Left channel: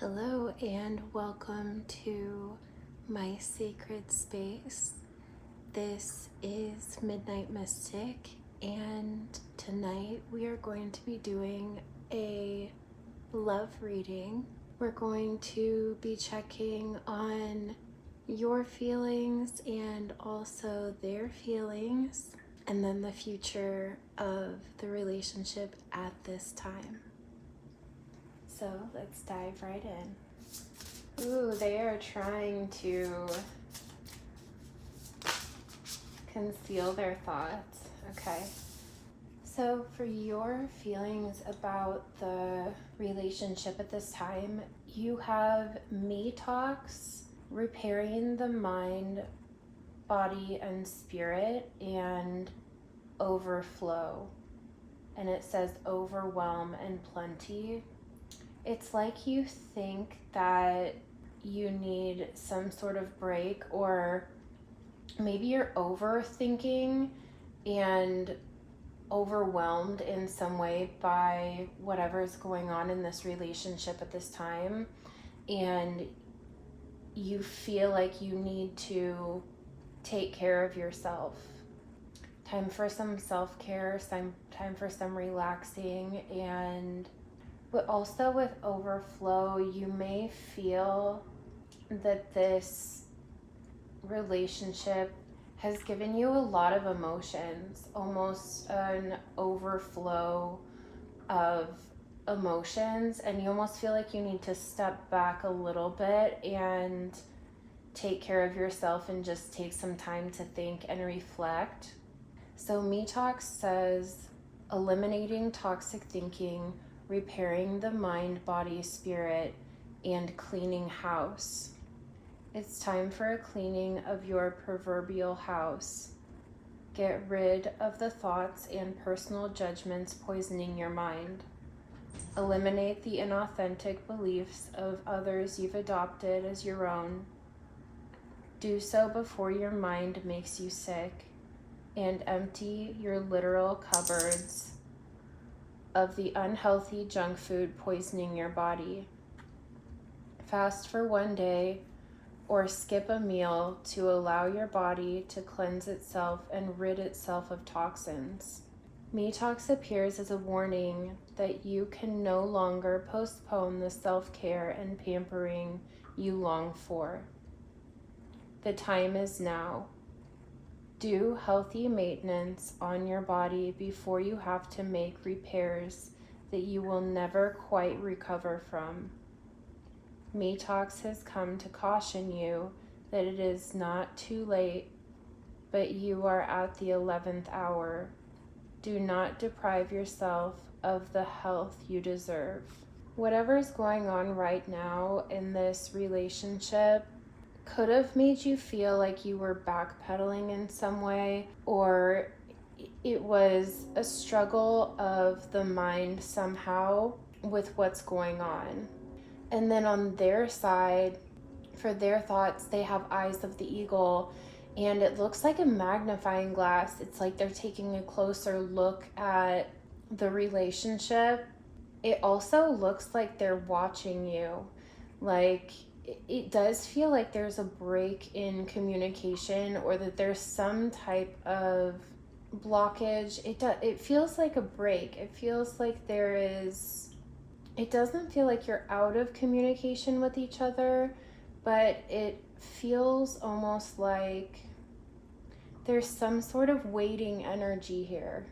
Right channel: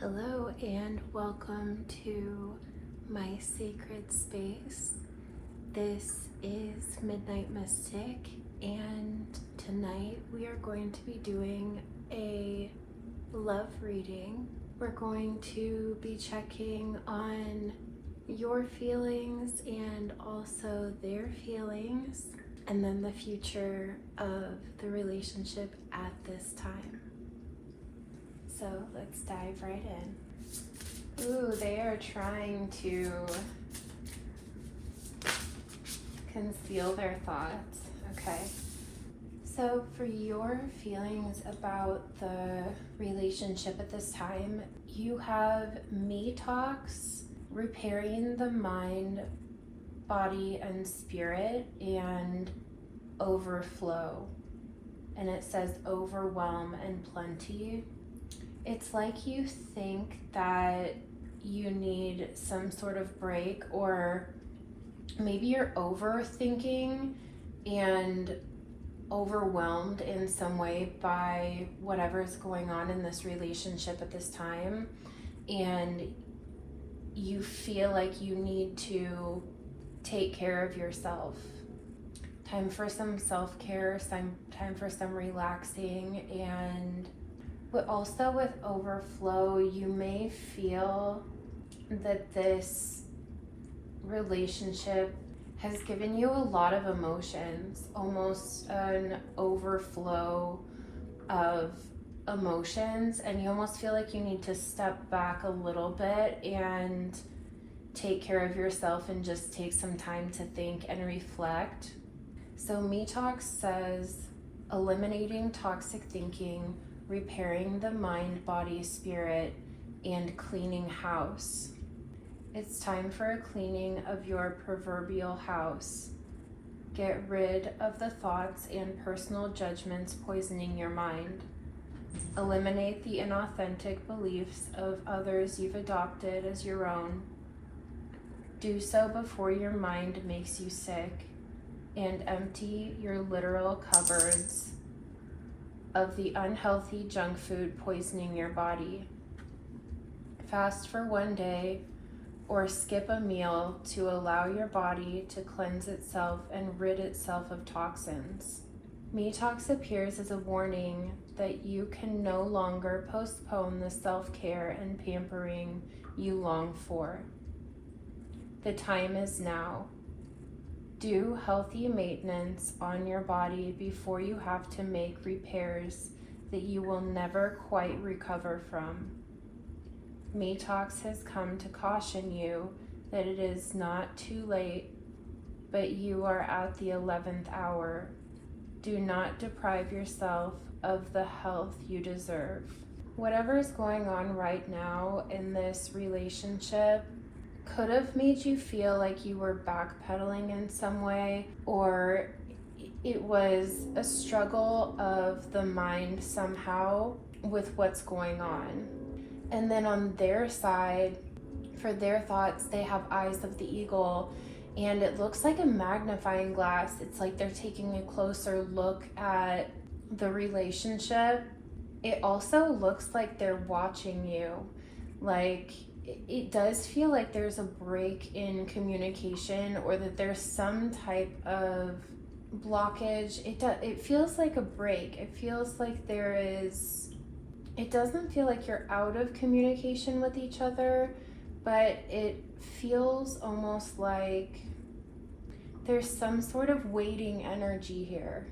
Hello and welcome to my sacred space. This is Midnight Mystic, and tonight we are going to be doing a love reading. We're going to be checking on your feelings and also their feelings, and then the future of the relationship at this time. So let's dive right in. Ooh, they are trying to conceal their thoughts. Okay. So for your feelings about the relationship at this time, you have Detox, repairing the mind, body, and spirit, and overflow. And it says overwhelm and plenty. It's like you think that you need some sort of break, or maybe you're overthinking and overwhelmed in some way by whatever's going on in this relationship at this time, and you feel like you need to take care of yourself. Time for some self-care, time for some relaxing. But also with overflow, you may feel that this relationship has given you a lot of emotions, almost an overflow of emotions, and you almost feel like you need to step back a little bit and take care of yourself and just take some time to think and reflect. So Detox says eliminating toxic thinking, repairing the mind, body, spirit, and cleaning house. It's time for a cleaning of your proverbial house. Get rid of the thoughts and personal judgments poisoning your mind. Eliminate the inauthentic beliefs of others you've adopted as your own. Do so before your mind makes you sick, and empty your literal cupboards of the unhealthy junk food poisoning your body. Fast for one day or skip a meal to allow your body to cleanse itself and rid itself of toxins. Detox appears as a warning that you can no longer postpone the self-care and pampering you long for. The time is now. Do healthy maintenance on your body before you have to make repairs that you will never quite recover from. Detox has come to caution you that it is not too late, but you are at the 11th hour. Do not deprive yourself of the health you deserve. Whatever is going on right now in this relationship could have made you feel like you were backpedaling in some way, or it was a struggle of the mind somehow with what's going on. And then on their side, for their thoughts, they have eyes of the eagle, and it looks like a magnifying glass. It's like they're taking a closer look at the relationship. It also looks like they're watching you. Like, it does feel like there's a break in communication, or that there's some type of blockage. It feels like a break. It feels like it doesn't feel like you're out of communication with each other, but it feels almost like there's some sort of waiting energy here.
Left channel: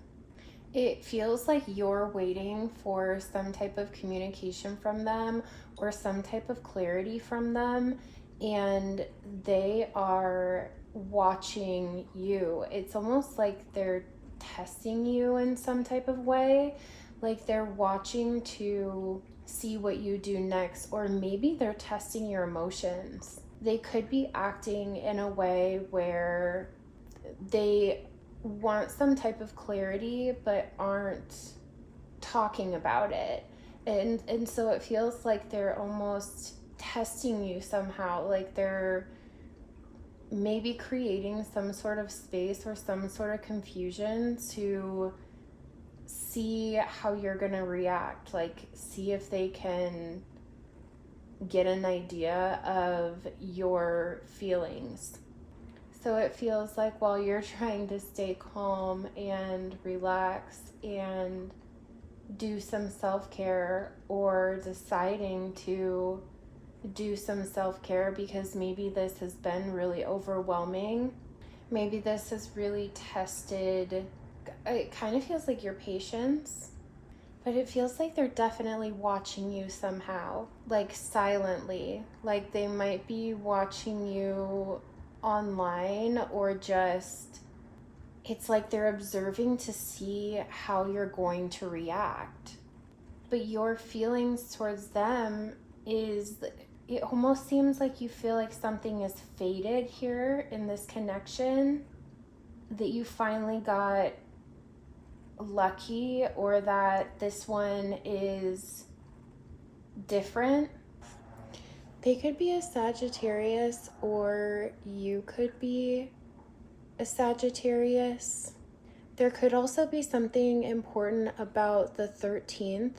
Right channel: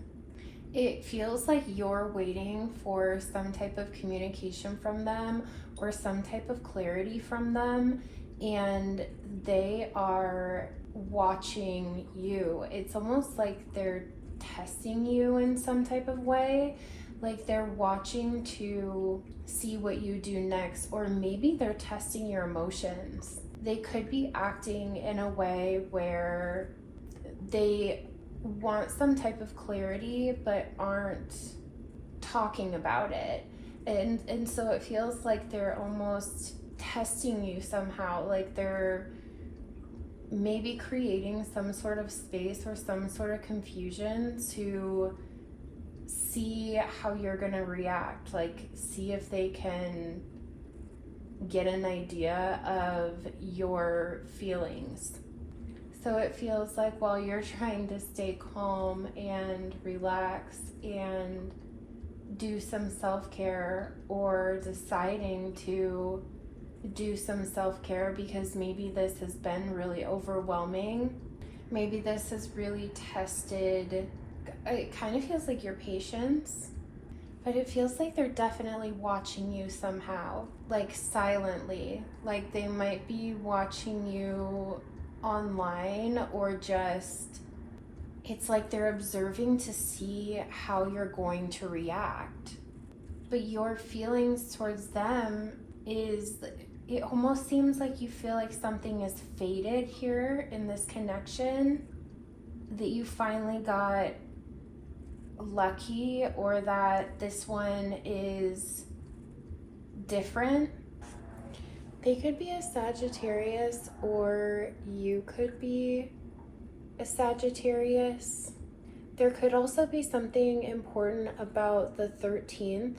It feels like you're waiting for some type of communication from them or some type of clarity from them, and they are watching you. It's almost like they're testing you in some type of way, like they're watching to see what you do next, or maybe they're testing your emotions. They could be acting in a way where they want some type of clarity but aren't talking about it, and so it feels like they're almost testing you somehow, like they're maybe creating some sort of space or some sort of confusion to see how you're gonna react, like see if they can get an idea of your feelings. So it feels like while you're trying to stay calm and relax and do some self-care, or deciding to do some self-care because maybe this has been really overwhelming, maybe this has really tested, it kind of feels like your patience, but it feels like they're definitely watching you somehow, like silently, like they might be watching you online, or just it's like they're observing to see how you're going to react. But your feelings towards them is, it almost seems like you feel like something is fated here in this connection, that you finally got lucky, or that this one is different. They could be a Sagittarius, or you could be a Sagittarius. There could also be something important about the 13th.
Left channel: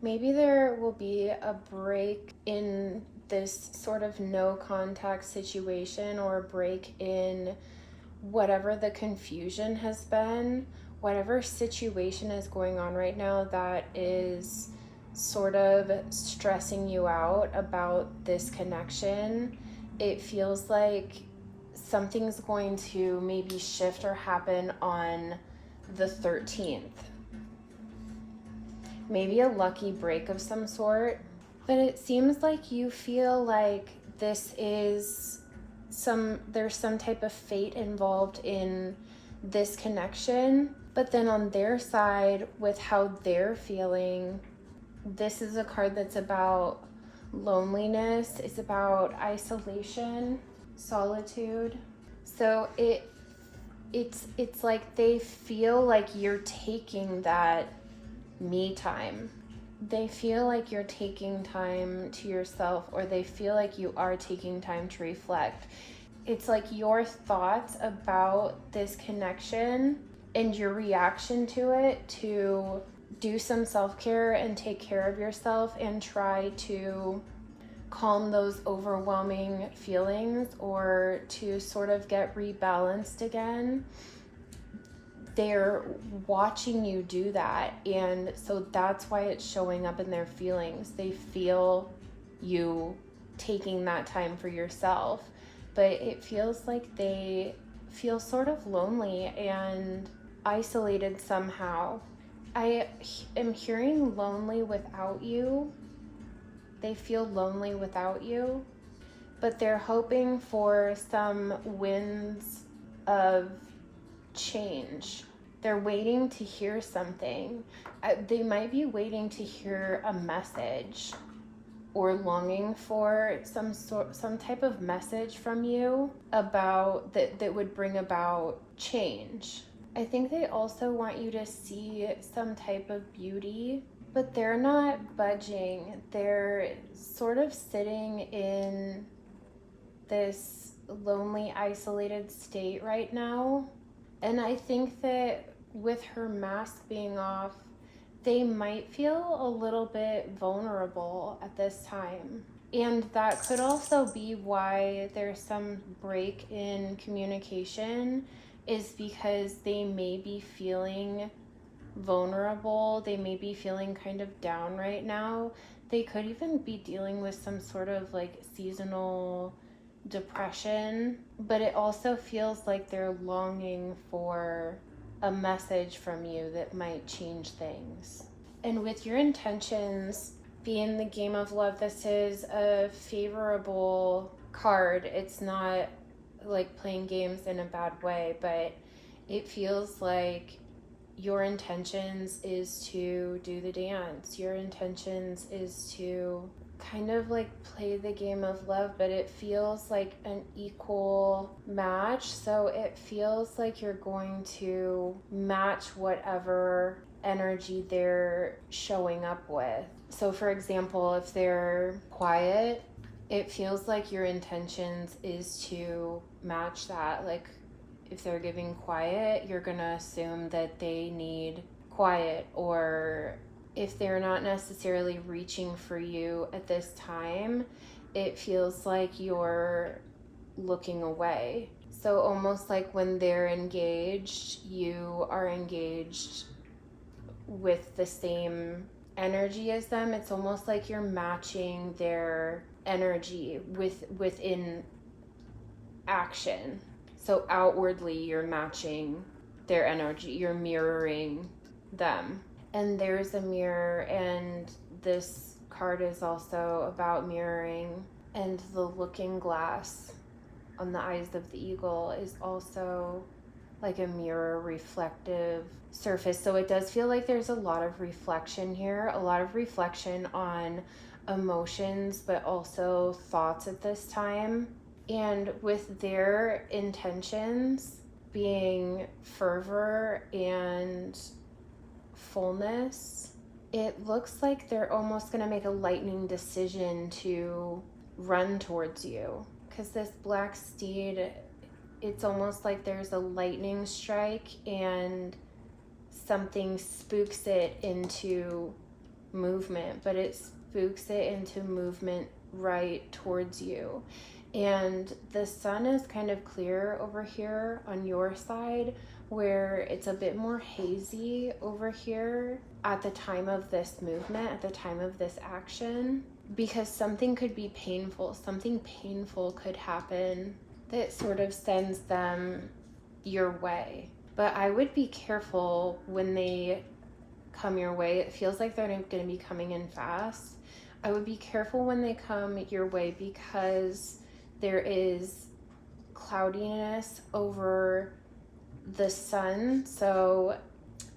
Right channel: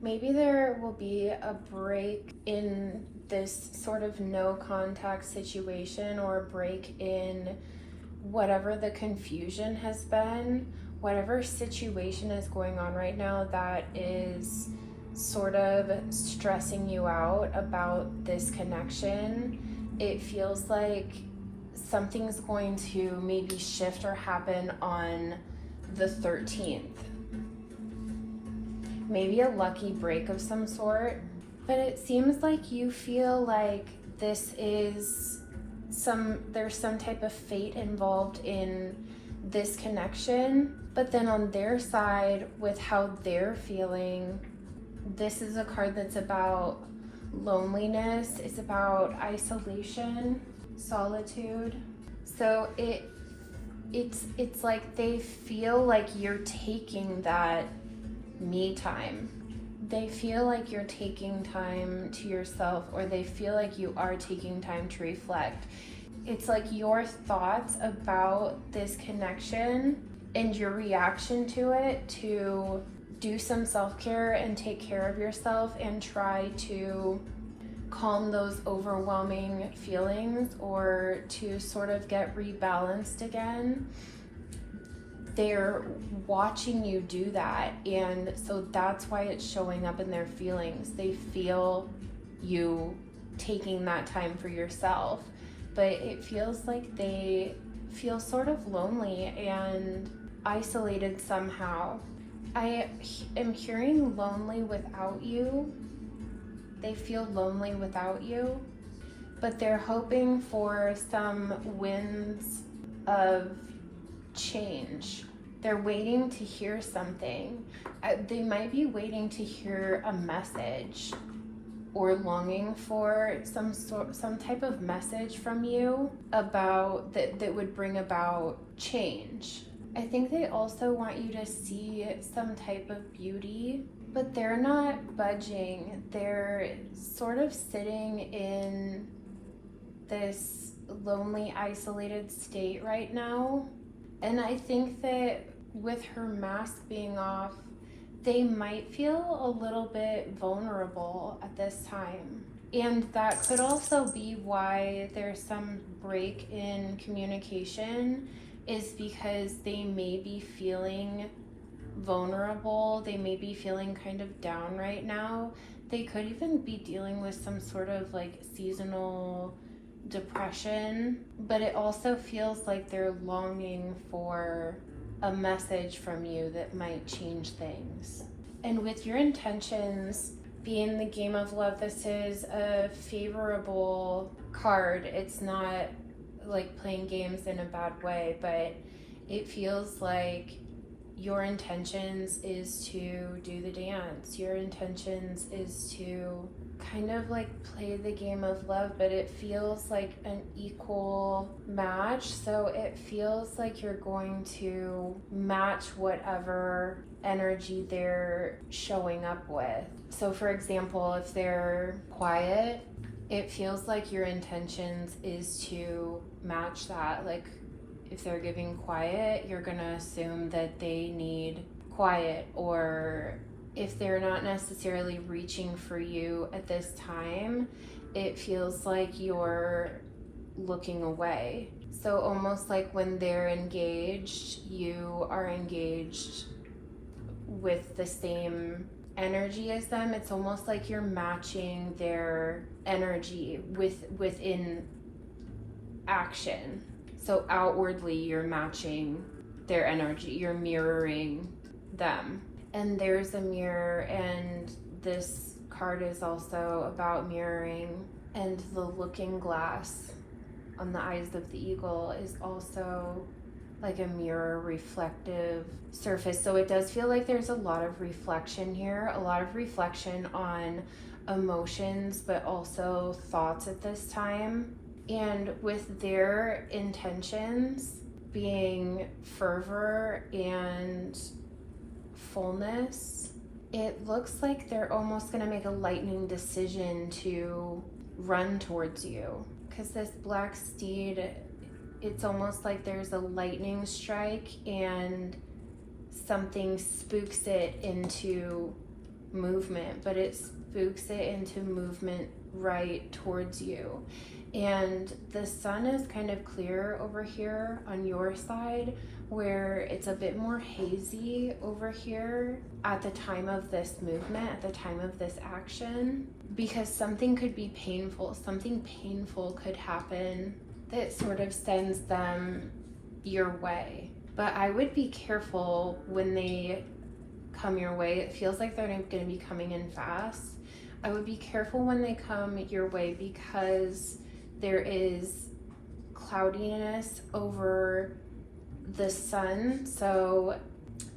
Maybe there will be a break in this sort of no contact situation, or a break in whatever the confusion has been, whatever situation is going on right now that is sort of stressing you out about this connection. It feels like something's going to maybe shift or happen on the 13th. Maybe a lucky break of some sort. But it seems like you feel like this is there's some type of fate involved in this connection. But then on their side, with how they're feeling, this is a card that's about loneliness, it's about isolation, solitude. So it's like they feel like you're taking that me time. They feel like you're taking time to yourself, or they feel like you are taking time to reflect. It's like your thoughts about this connection and your reaction to it, to do some self-care and take care of yourself and try to calm those overwhelming feelings, or to sort of get rebalanced again. They're watching you do that, and so that's why it's showing up in their feelings. They feel you taking that time for yourself, but it feels like they feel sort of lonely and isolated somehow. I am hearing lonely without you. They feel lonely without you, but they're hoping for some winds of change. They're waiting to hear something. They might be waiting to hear a message, or longing for some type of message from you about that would bring about change. I think they also want you to see some type of beauty, but they're not budging. They're sort of sitting in this lonely, isolated state right now. And I think that with her mask being off, they might feel a little bit vulnerable at this time. And that could also be why there's some break in communication, is because they may be feeling vulnerable. They may be feeling kind of down right now. They could even be dealing with some sort of like seasonal depression, but it also feels like they're longing for a message from you that might change things. And with your intentions being the game of love, this is a favorable card. It's not like playing games in a bad way, but it feels like your intentions is to do the dance. Your intentions is to kind of like play the game of love, but it feels like an equal match. So it feels like you're going to match whatever energy they're showing up with. So for example, if they're quiet, it feels like your intentions is to match that. Like if they're giving quiet, you're gonna assume that they need quiet, or if they're not necessarily reaching for you at this time, it feels like you're looking away. So almost like when they're engaged, you are engaged with the same energy as them. It's almost like you're matching their energy within action. So outwardly you're matching their energy, you're mirroring them. And there's a mirror, and this card is also about mirroring, and the looking glass on the eyes of the eagle is also like a mirror reflective surface. So it does feel like there's a lot of reflection here, a lot of reflection on emotions, but also thoughts at this time. And with their intentions being fervor and fullness, it looks like they're almost going to make a lightning decision to run towards you. Because this black steed, it's almost like there's a lightning strike and something spooks it into movement, but it spooks it into movement right towards you. And the sun is kind of clear over here on your side, where it's a bit more hazy over here at the time of this movement, at the time of this action, because something could be painful. Something painful could happen that sort of sends them your way. But I would be careful when they come your way. It feels like they're going to be coming in fast. I would be careful when they come your way, because there is cloudiness over the sun. So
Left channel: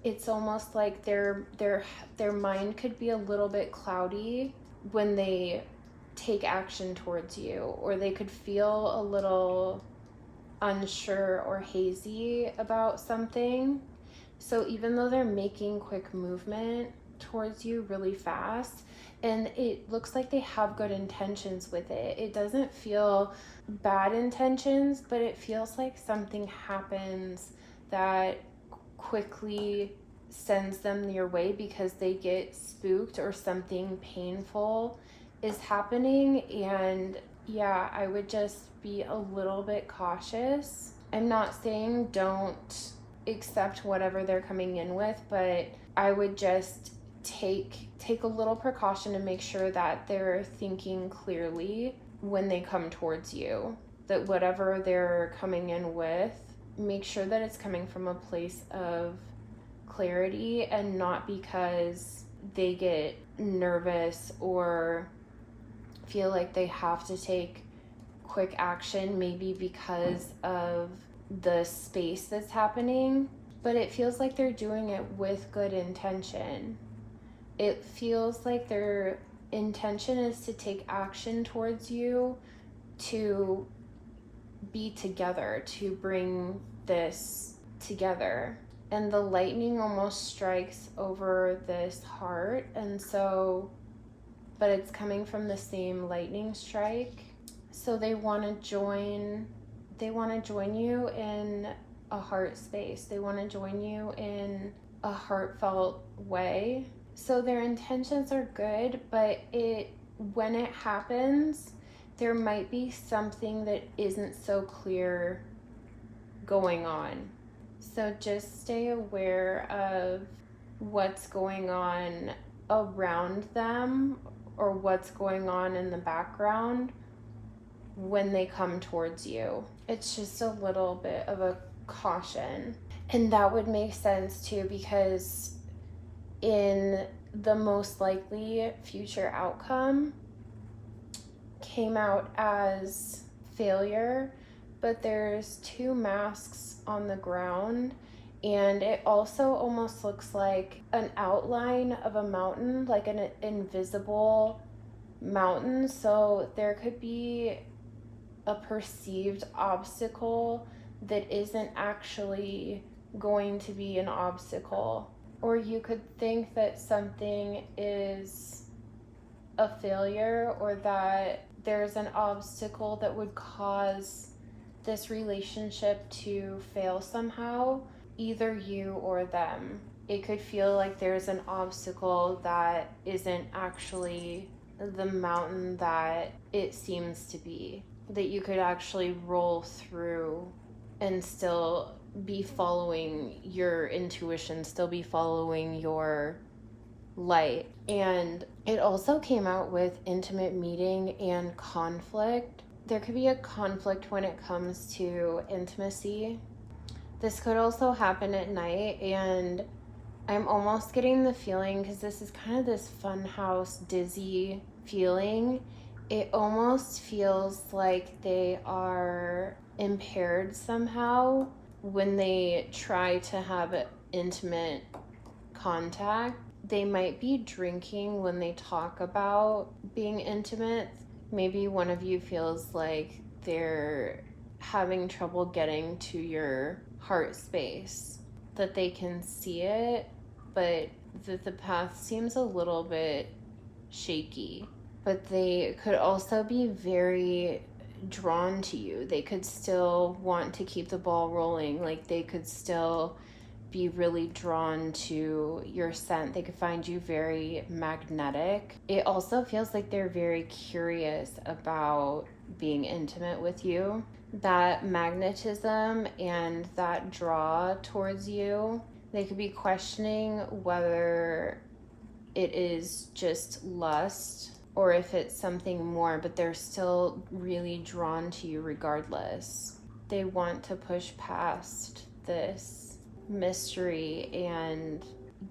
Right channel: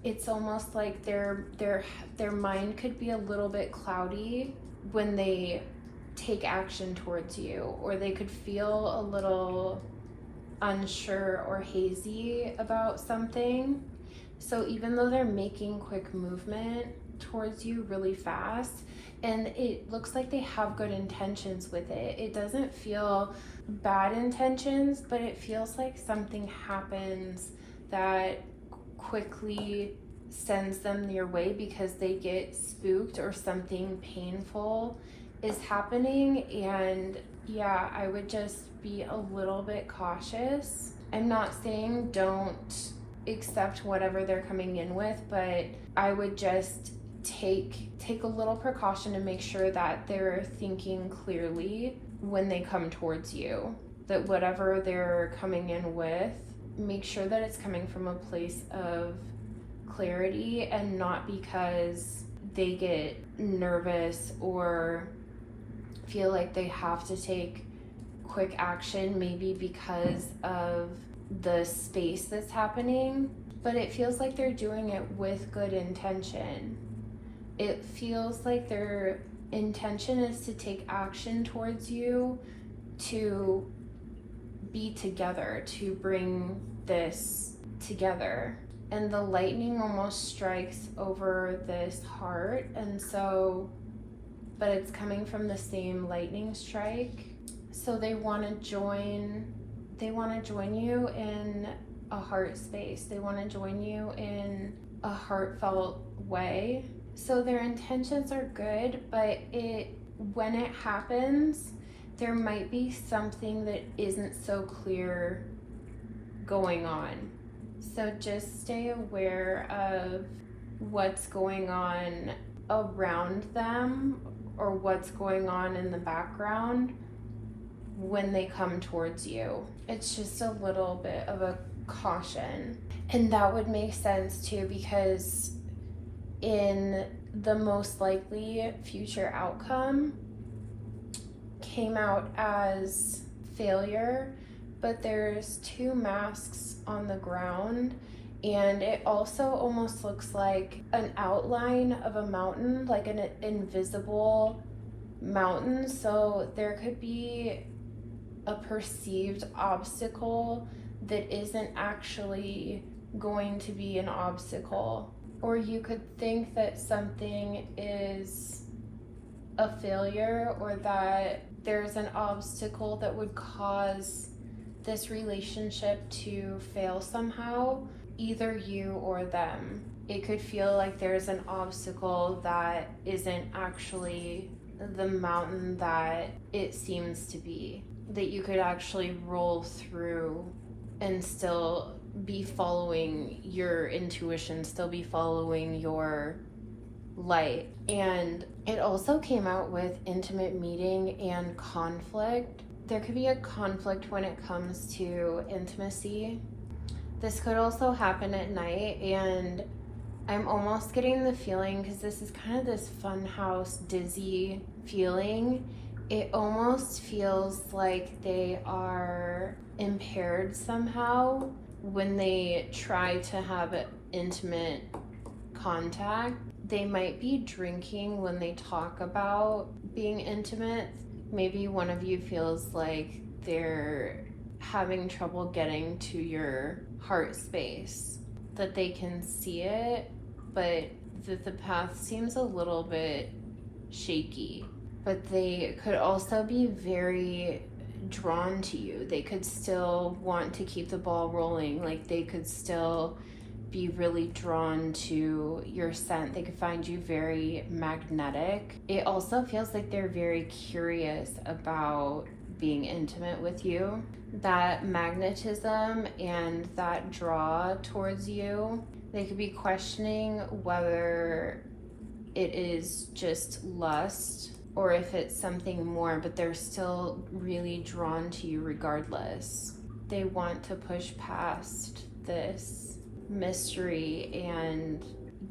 it's almost like their mind could be a little bit cloudy when they take action towards you, or they could feel a little unsure or hazy about something. So even though they're making quick movement towards you really fast, and it looks like they have good intentions with it, it doesn't feel bad intentions, but it feels like something happens that quickly sends them your way because they get spooked or something painful is happening. And yeah, I would just be a little bit cautious. I'm not saying don't accept whatever they're coming in with, but I would just take a little precaution and make sure that they're thinking clearly when they come towards you, that whatever they're coming in with, make sure that it's coming from a place of clarity and not because they get nervous or feel like they have to take quick action, maybe because of the space that's happening, but it feels like they're doing it with good intention. It feels like their intention is to take action towards you, to be together, to bring this together. And the lightning almost strikes over this heart, and so, but it's coming from the same lightning strike. So they want to join you in a heart space. They want to join you in a heartfelt way. So their intentions are good, but when it happens, there might be something that isn't so clear going on. So just stay aware of what's going on around them or what's going on in the background when they come towards you. It's just a little bit of a caution. And that would make sense too, because in the most likely future outcome came out as failure, but there's two masks on the ground, and it also almost looks like an outline of a mountain, like an invisible mountain. So there could be a perceived obstacle that isn't actually going to be an obstacle. Or you could think that something is a failure, or that there's an obstacle that would cause this relationship to fail somehow, either you or them. It could feel like there's an obstacle that isn't actually the mountain that it seems to be, that you could actually roll through and still be following your intuition, still be following your light. And it also came out with intimate meeting and conflict. There could be a conflict when it comes to intimacy. This could also happen at night, and I'm almost getting the feeling, because this is kind of this funhouse dizzy feeling, it almost feels like they are impaired somehow when they try to have intimate contact. They might be drinking when they talk about being intimate. Maybe one of you feels like they're having trouble getting to your heart space, that they can see it, but that the path seems a little bit shaky. But they could also be very drawn to you. They could still want to keep the ball rolling. Like, they could still be really drawn to your scent. They could find you very magnetic. It also feels like they're very curious about being intimate with you. That magnetism and that draw towards you, they could be questioning whether it is just lust or if it's something more, but they're still really drawn to you regardless. They want to push past this mystery and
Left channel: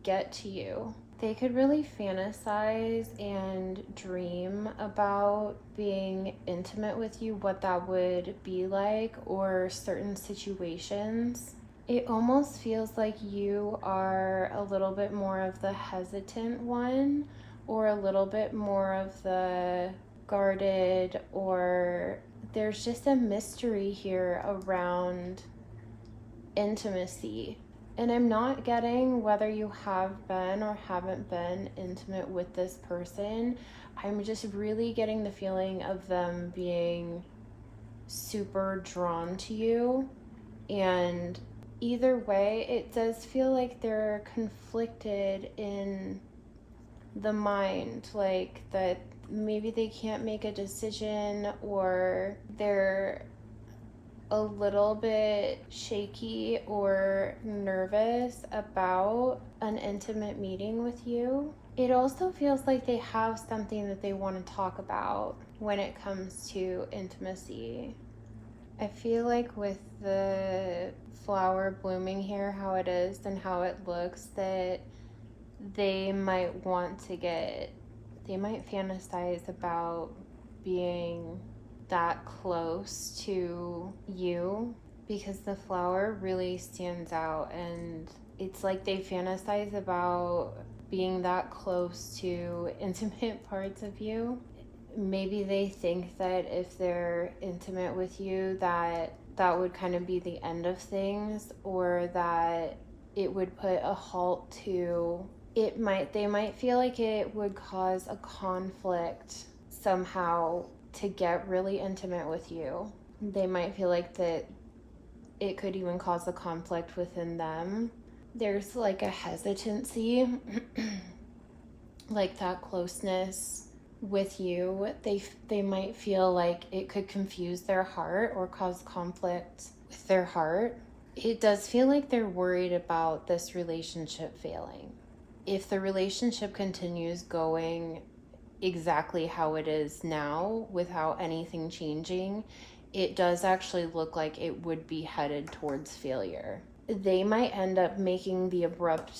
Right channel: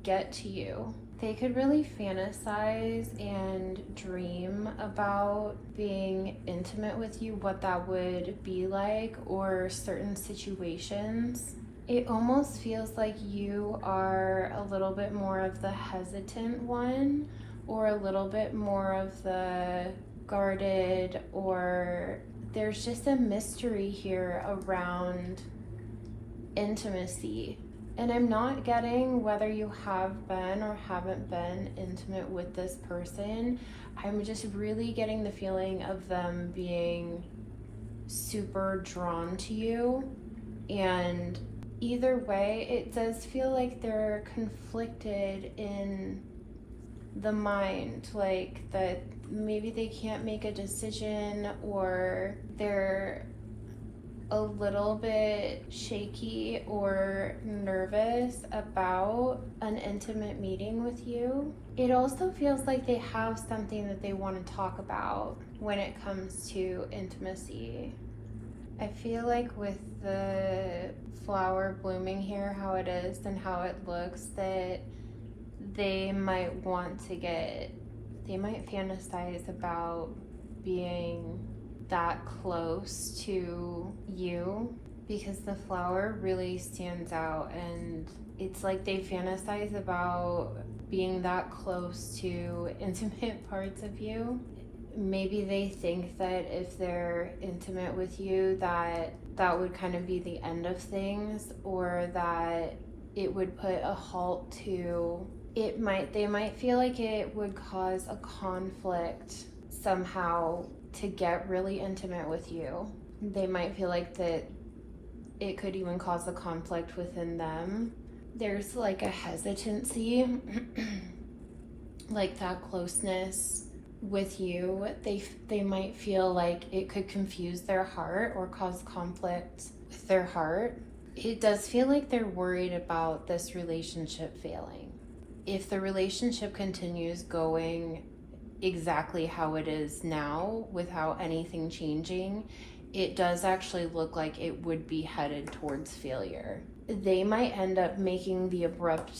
get to you. They could really fantasize and dream about being intimate with you, what that would be like, or certain situations. It almost feels like you are a little bit more of the hesitant one, or a little bit more of the guarded, or there's just a mystery here around intimacy. And I'm not getting whether you have been or haven't been intimate with this person. I'm just really getting the feeling of them being super drawn to you. And either way, it does feel like they're conflicted in the mind, like that maybe they can't make a decision, or they're a little bit shaky or nervous about an intimate meeting with you. It also feels like they have something that they want to talk about when it comes to intimacy. I feel like with the flower blooming here, how it is and how it looks, that they might fantasize about being that close to you, because the flower really stands out, and it's like they fantasize about being that close to intimate parts of you. Maybe they think that if they're intimate with you, that would kind of be the end of things, or that it would put a halt to it. They might feel like it would cause a conflict somehow to get really intimate with you. They might feel like that it could even cause a conflict within them. There's like a hesitancy, like that closeness with you. They might feel like it could confuse their heart or cause conflict with their heart. It does feel like they're worried about this relationship failing. If the relationship continues going exactly how it is now without anything changing, it does actually look like it would be headed towards failure. They might end up making the abrupt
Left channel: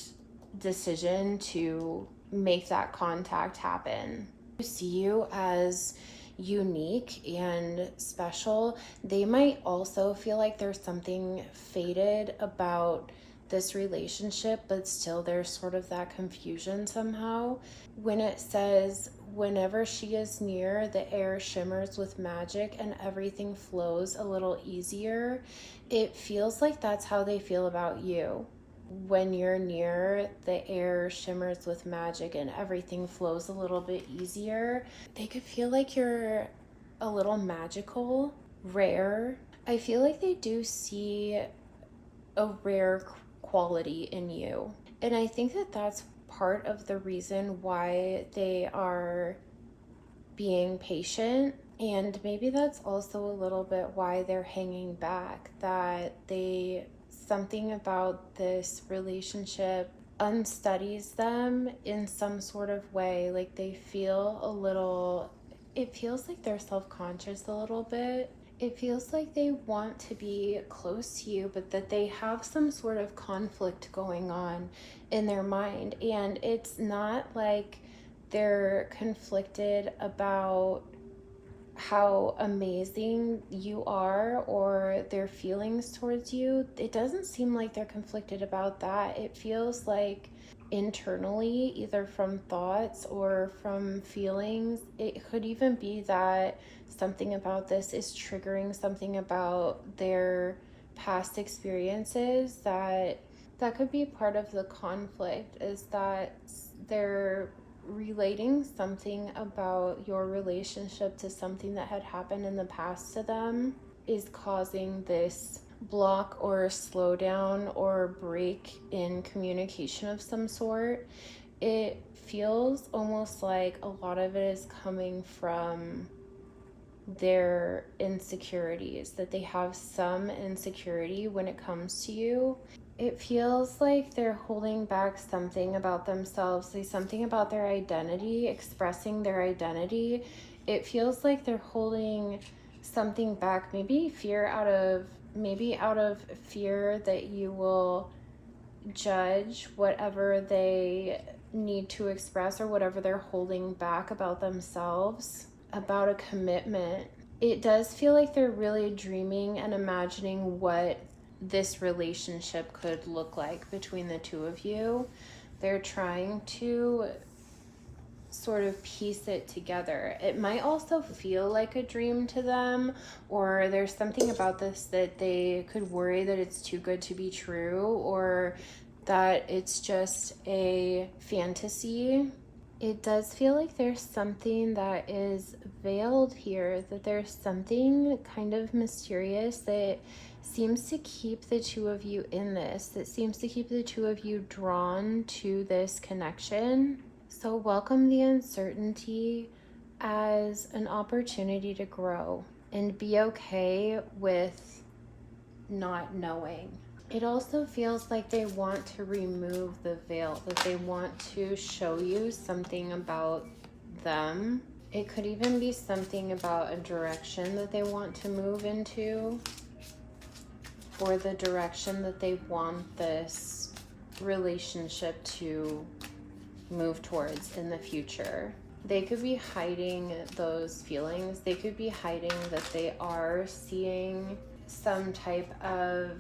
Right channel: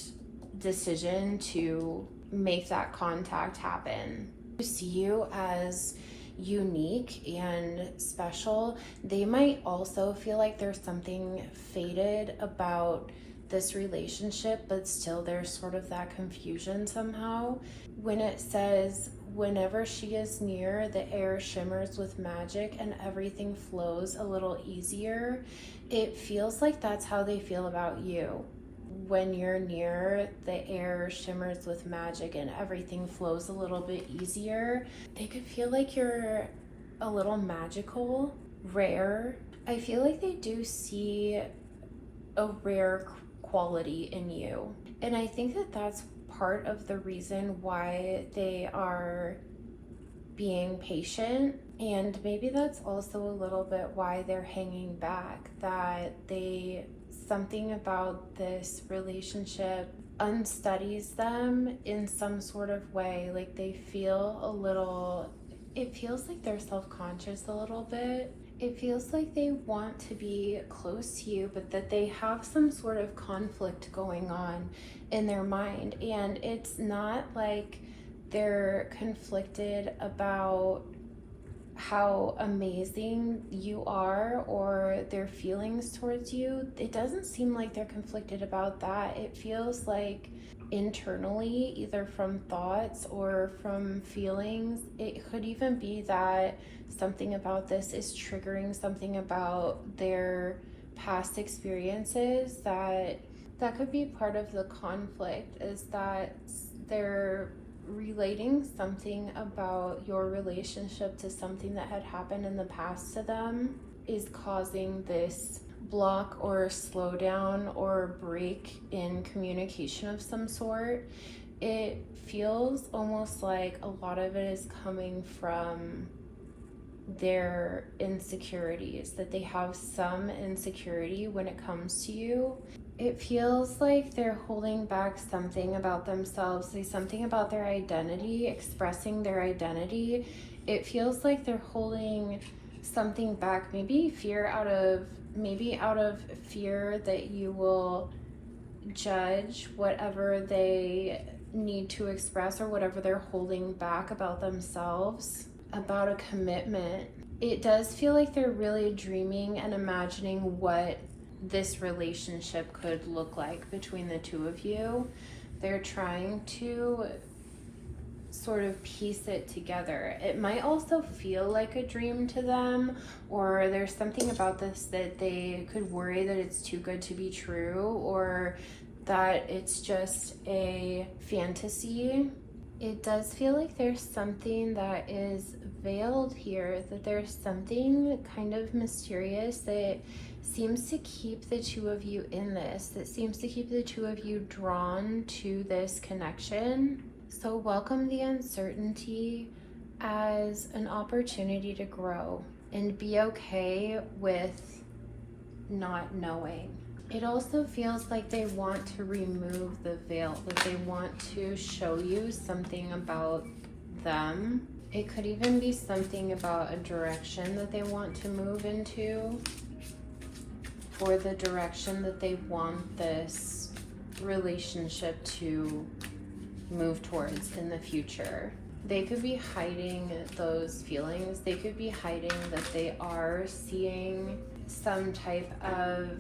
decision to make that contact happen. To see you as unique and special. They might also feel like there's something fated about this relationship, but still there's sort of that confusion somehow. When it says, whenever she is near, the air shimmers with magic and everything flows a little easier, it feels like that's how they feel about you. When you're near, the air shimmers with magic and everything flows a little bit easier. They could feel like you're a little magical, rare. I feel like they do see a rare quality in you. And I think that that's part of the reason why they are being patient. And maybe that's also a little bit why they're hanging back, that something about this relationship unstudies them in some sort of way. Like they feel a little, it feels like they're self-conscious a little bit. It feels like they want to be close to you, but that they have some sort of conflict going on in their mind. And it's not like they're conflicted about how amazing you are or their feelings towards you. It doesn't seem like they're conflicted about that. It feels like internally, either from thoughts or from feelings, it could even be that something about this is triggering something about their past experiences, that could be part of the conflict, is that they're relating something about your relationship to something that had happened in the past to them, is causing this block or slowdown or break in communication of some sort. It feels almost like a lot of it is coming from their insecurities, that they have some insecurity when it comes to you. It feels like they're holding back something about themselves, say something about their identity, expressing their identity. It feels like they're holding something back, maybe out of fear that you will judge whatever they need to express or whatever they're holding back about themselves, about a commitment. It does feel like they're really dreaming and imagining what this relationship could look like between the two of you. They're trying to sort of piece it together. It might also feel like a dream to them, or there's something about this that they could worry that it's too good to be true, or that it's just a fantasy. It does feel like there's something that is veiled here, that there's something kind of mysterious that seems to keep the two of you in this, that seems to keep the two of you drawn to this connection. So welcome the uncertainty as an opportunity to grow and be okay with not knowing. It also feels like they want to remove the veil, that they want to show you something about them. It could even be something about a direction that they want to move into, or the direction that they want this relationship to move towards in the future. They could be hiding those feelings. They could be hiding that they are seeing some type of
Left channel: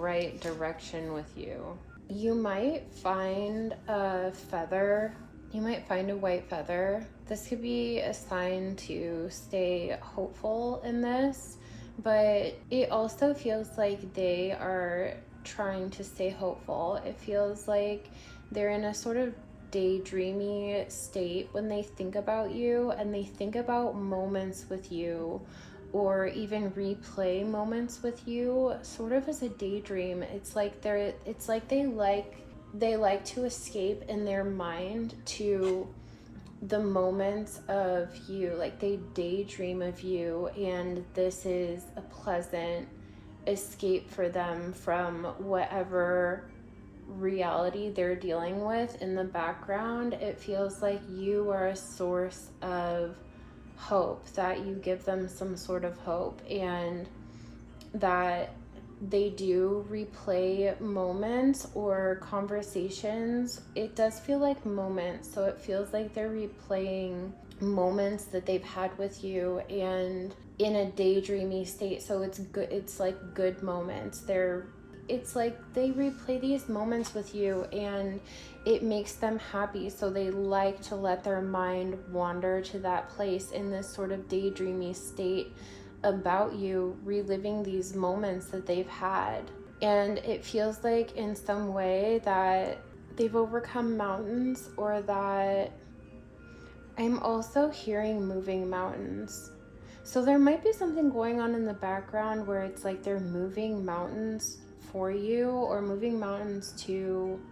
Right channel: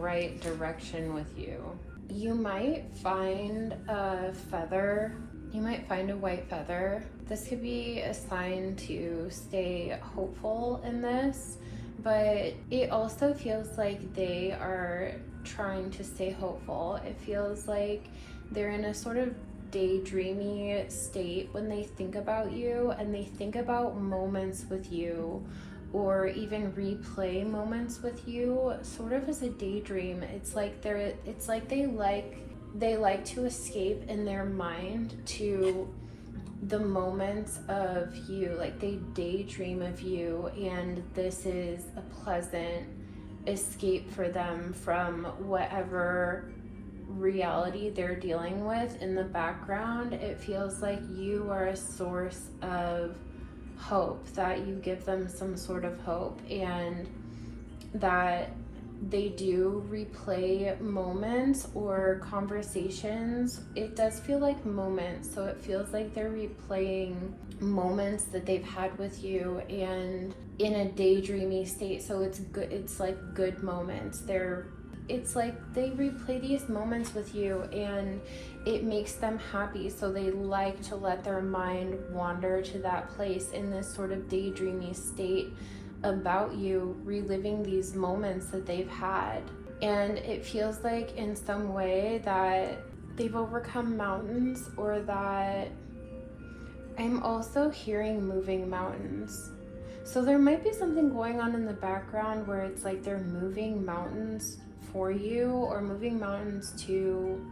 right direction with you. You might find a feather. You might find a white feather. This could be a sign to stay hopeful in this, but it also feels like they are trying to stay hopeful. It feels like they're in a sort of daydreamy state when they think about you, and they think about moments with you, or even replay moments with you, sort of as a daydream. It's like they like to escape in their mind to the moments of you. Like they daydream of you, and this is a pleasant escape for them from whatever reality they're dealing with in the background. It feels like you are a source of hope, that you give them some sort of hope, and that they do replay moments or conversations. It does feel like moments, so it feels like they're replaying moments that they've had with you, and in a daydreamy state. So it's good, it's like good moments. It's like they replay these moments with you, and it makes them happy, so they like to let their mind wander to that place in this sort of daydreamy state about you, reliving these moments that they've had. And it feels like in some way that they've overcome mountains, or that I'm also hearing moving mountains. So there might be something going on in the background where it's like they're moving mountains for you, or moving mountains to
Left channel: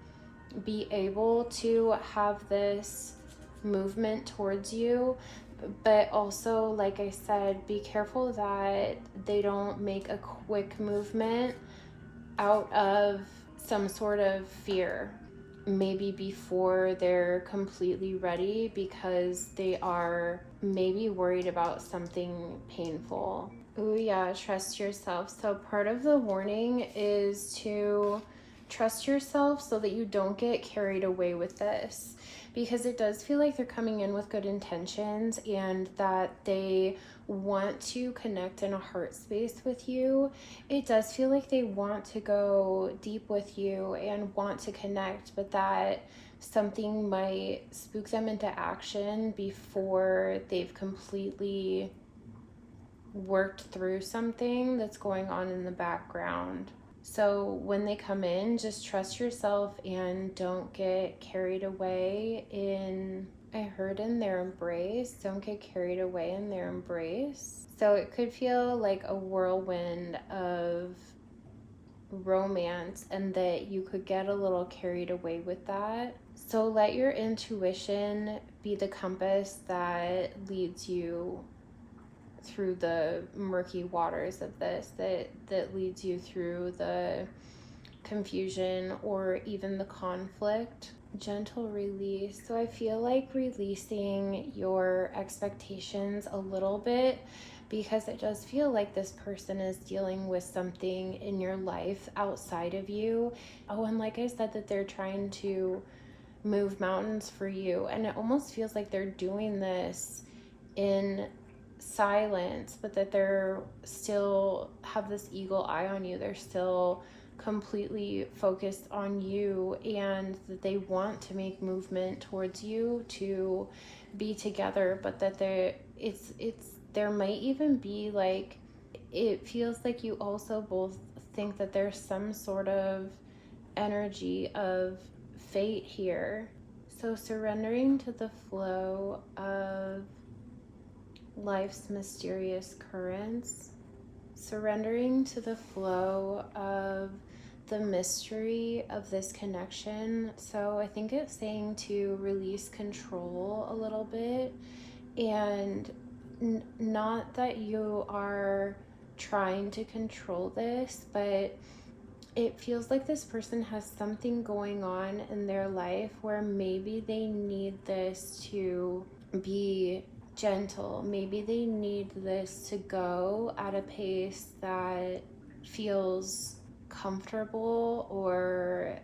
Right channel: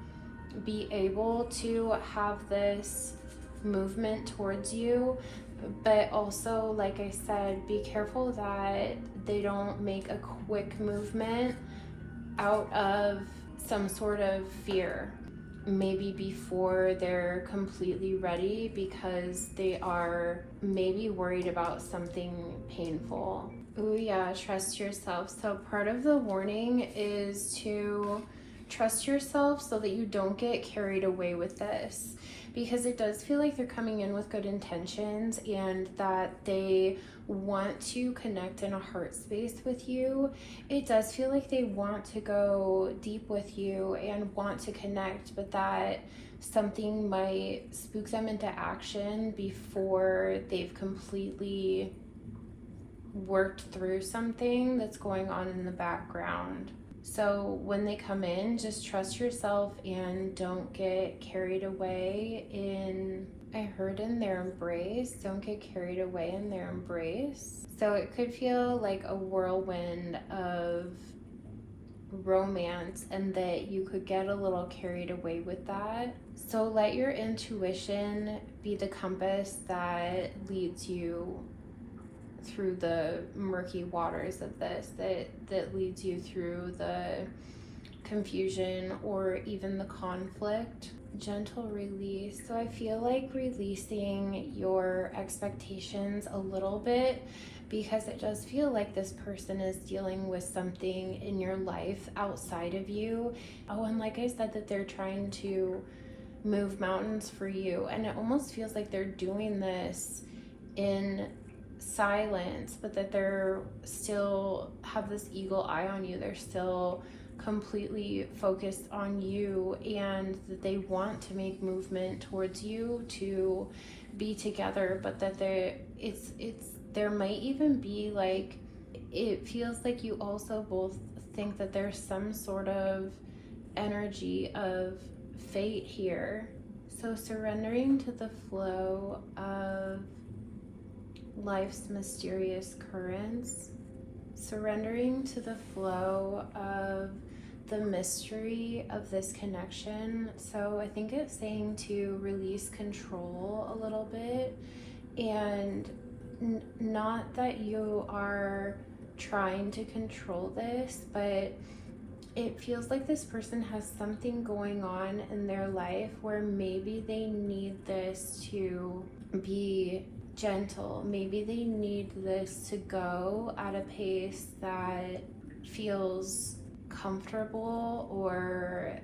be able to have this movement towards you, but also, like I said, be careful that they don't make a quick movement out of some sort of fear, maybe before they're completely ready, because they are maybe worried about something painful. Ooh, yeah, trust yourself. So part of the warning is to trust yourself so that you don't get carried away with this, because it does feel like they're coming in with good intentions and that they want to connect in a heart space with you. It does feel like they want to go deep with you and want to connect, but that something might spook them into action before they've completely worked through something that's going on in the background. So when they come in, just trust yourself and don't get carried away in, I heard, in their embrace. Don't get carried away in their embrace. So it could feel like a whirlwind of romance, and that you could get a little carried away with that. So let your intuition be the compass that leads you through the murky waters of this, that leads you through the confusion or even the conflict. Gentle release. So I feel like releasing your expectations a little bit, because it does feel like this person is dealing with something in your life outside of you. Oh, and like I said, that they're trying to move mountains for you, and it almost feels like they're doing this in silence, but that they're still have this eagle eye on you. They're still completely focused on you, and that they want to make movement towards you to be together, but that there might even be like, it feels like you also both think that there's some sort of energy of fate here. So surrendering to the flow of life's mysterious currents, surrendering to the flow of the mystery of this connection. So I think it's saying to release control a little bit, and not that you are trying to control this, but it feels like this person has something going on in their life where maybe they need this to be gentle. Maybe they need this to go at a pace that feels comfortable, or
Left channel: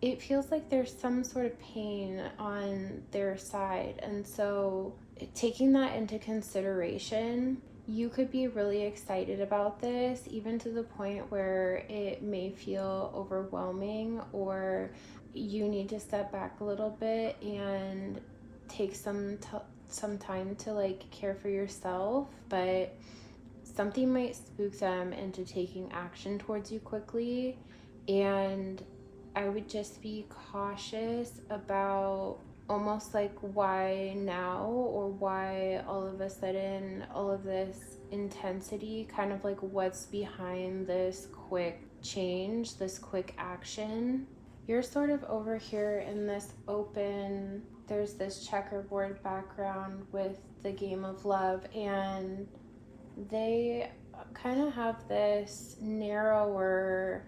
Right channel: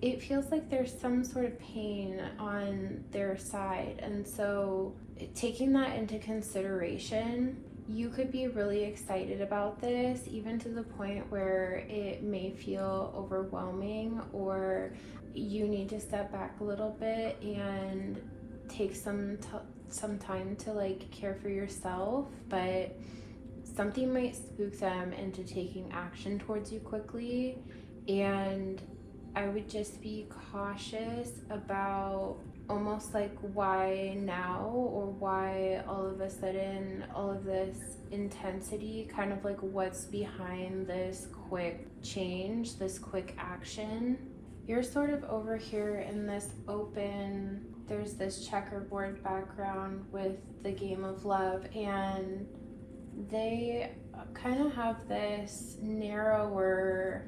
it feels like there's some sort of pain on their side. And so taking that into consideration, you could be really excited about this, even to the point where it may feel overwhelming, or you need to step back a little bit and take some time to like care for yourself. But something might spook them into taking action towards you quickly, and I would just be cautious about almost like why now, or why all of a sudden all of this intensity, kind of like what's behind this quick change, this quick action. You're sort of over here in this open, there's this checkerboard background with the game of love, and they kind of have this narrower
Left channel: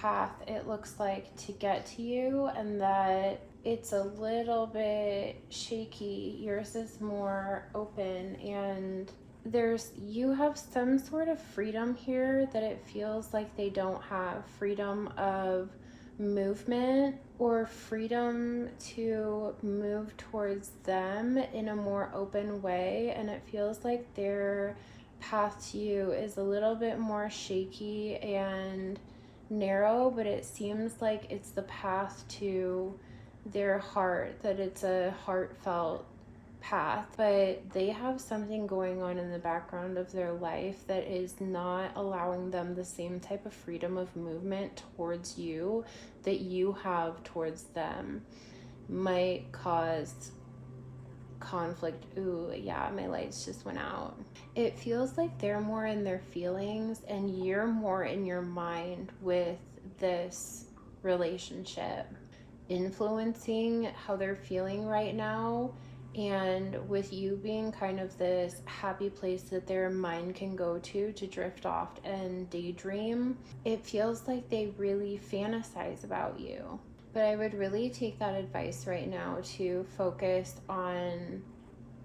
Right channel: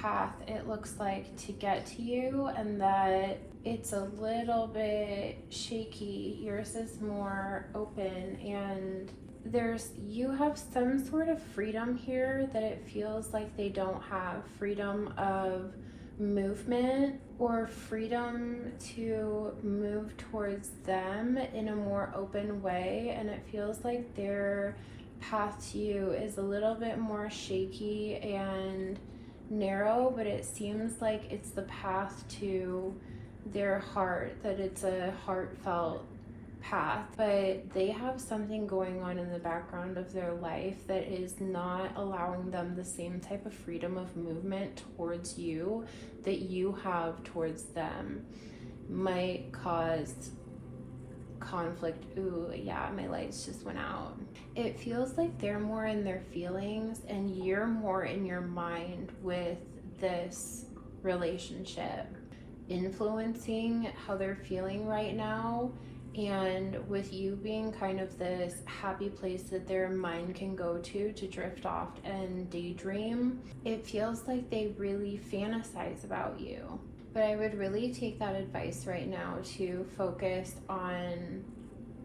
path, it looks like, to get to you, and that it's a little bit shaky. Yours is more open, and you have some sort of freedom here that it feels like they don't have. Freedom of movement, or freedom to move towards them in a more open way, and it feels like their path to you is a little bit more shaky and narrow, but it seems like it's the path to their heart, that it's a heartfelt path. But they have something going on in the background of their life that is not allowing them the same type of freedom of movement towards you that you have towards them. Might cause conflict. Ooh, yeah, my lights just went out. It feels like they're more in their feelings and you're more in your mind with this relationship. influencing how they're feeling right now. And with you being kind of this happy place that their mind can go to drift off and daydream, it feels like they really fantasize about you. But I would really take that advice right now to focus on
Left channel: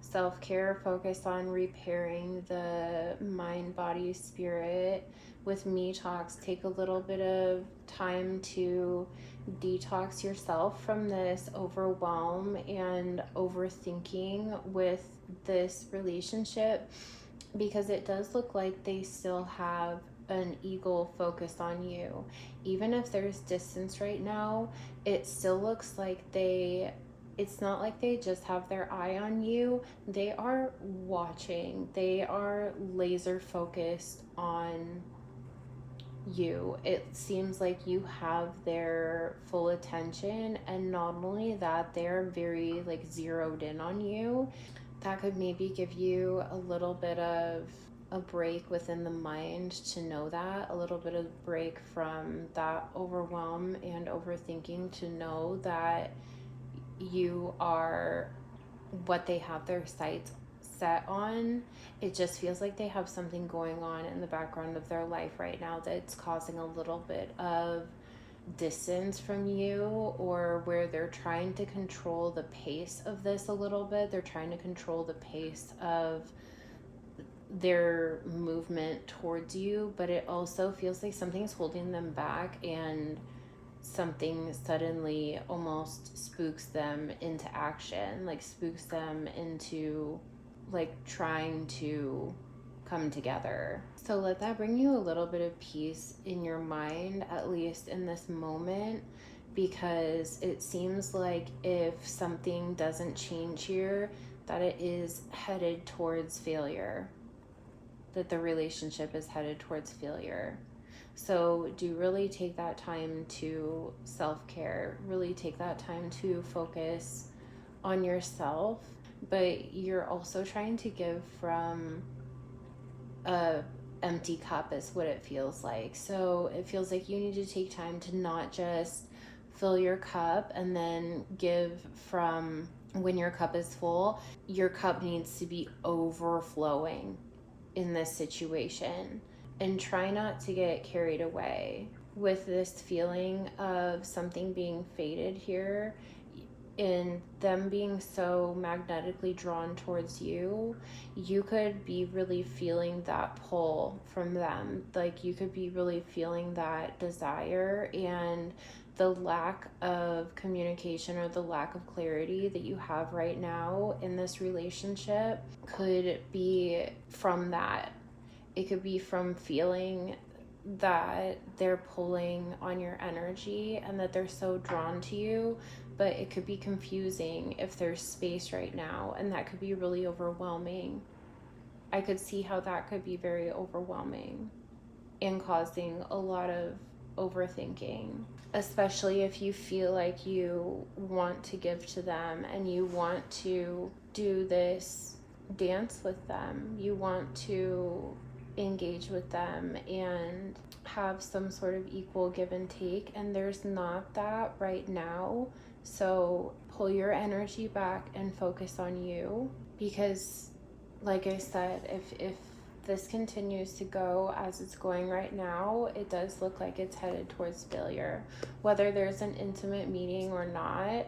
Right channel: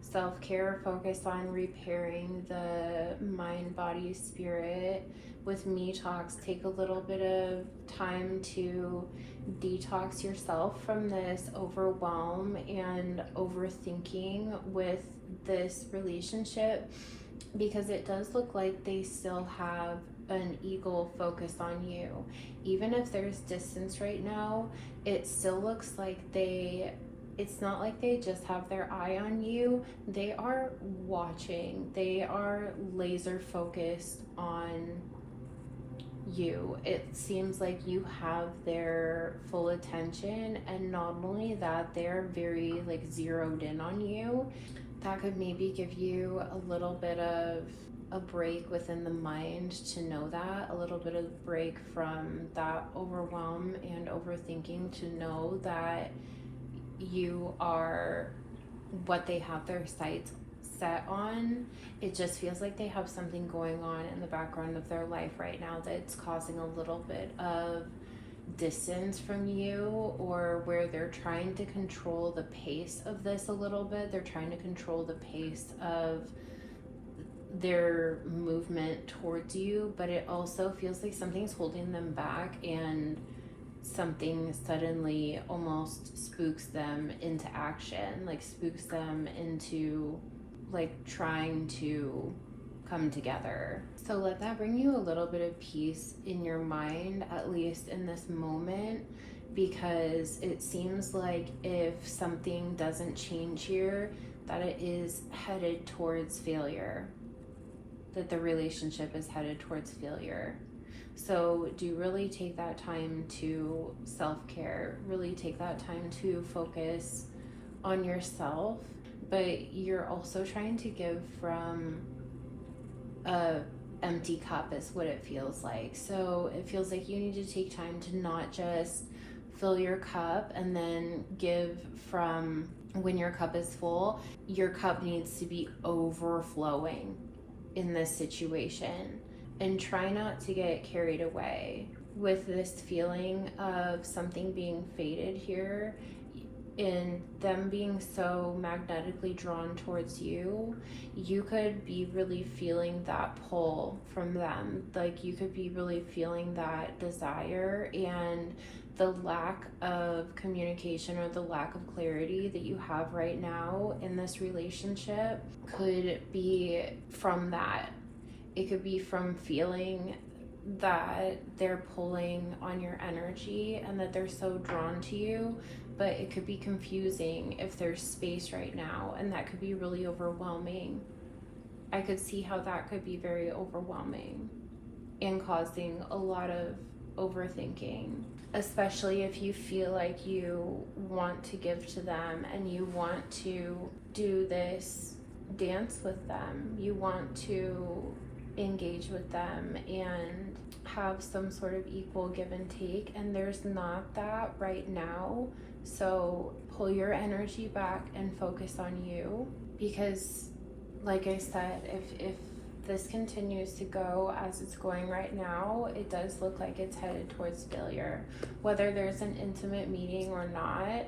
self-care, focus on repairing the mind, body, spirit. With Detox, take a little bit of time to detox yourself from this overwhelm and overthinking with this relationship, because it does look like they still have an eagle focus on you. Even if there's distance right now, it still looks like it's not like they just have their eye on you. They are watching. They are laser focused on you. It seems like you have their full attention, and not only that, they're very like zeroed in on you. That could maybe give you a little bit of a break within the mind to know that, a little bit of break from that overwhelm and overthinking, to know that you are what they have their sights set on. It just feels like they have something going on in the background of their life right now that's causing a little bit of distance from you, or where they're trying to control the pace of this a little bit. They're trying to control the pace of their movement towards you, but it also feels like something's holding them back, and something suddenly almost spooks them into action, like spooks them into like trying to come together. So let that bring you a little bit of peace in your mind, at least in this moment, because it seems like if something doesn't change here, that it is headed towards failure, that the relationship is headed towards failure. So do really take that time to self-care, really take that time to focus on yourself, but you're also trying to give from a empty cup is what it feels like. So it feels like you need to take time to not just fill your cup and then give from when your cup is full. Your cup needs to be overflowing in this situation, and try not to get carried away with this feeling of something being faded here, in them being so magnetically drawn towards you. You could be really feeling that pull from them. Like you could be really feeling that desire, and the lack of communication or the lack of clarity that you have right now in this relationship could be from that. It could be from feeling that they're pulling on your energy and that they're so drawn to you, but it could be confusing if there's space right now, and that could be really overwhelming. I could see how that could be very overwhelming and causing a lot of overthinking, especially if you feel like you want to give to them and you want to do this dance with them. You want to engage with them and have some sort of equal give and take, and there's not that right now. So pull your energy back and focus on you, because like I said, if this continues to go as it's going right now, it does look like it's headed towards failure. Whether there's an intimate meeting or not,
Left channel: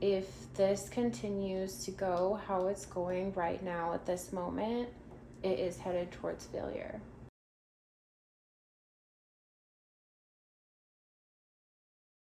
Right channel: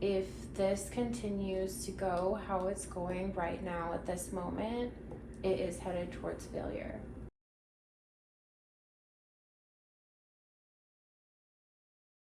if this continues to go how it's going right now at this moment, it is headed towards failure.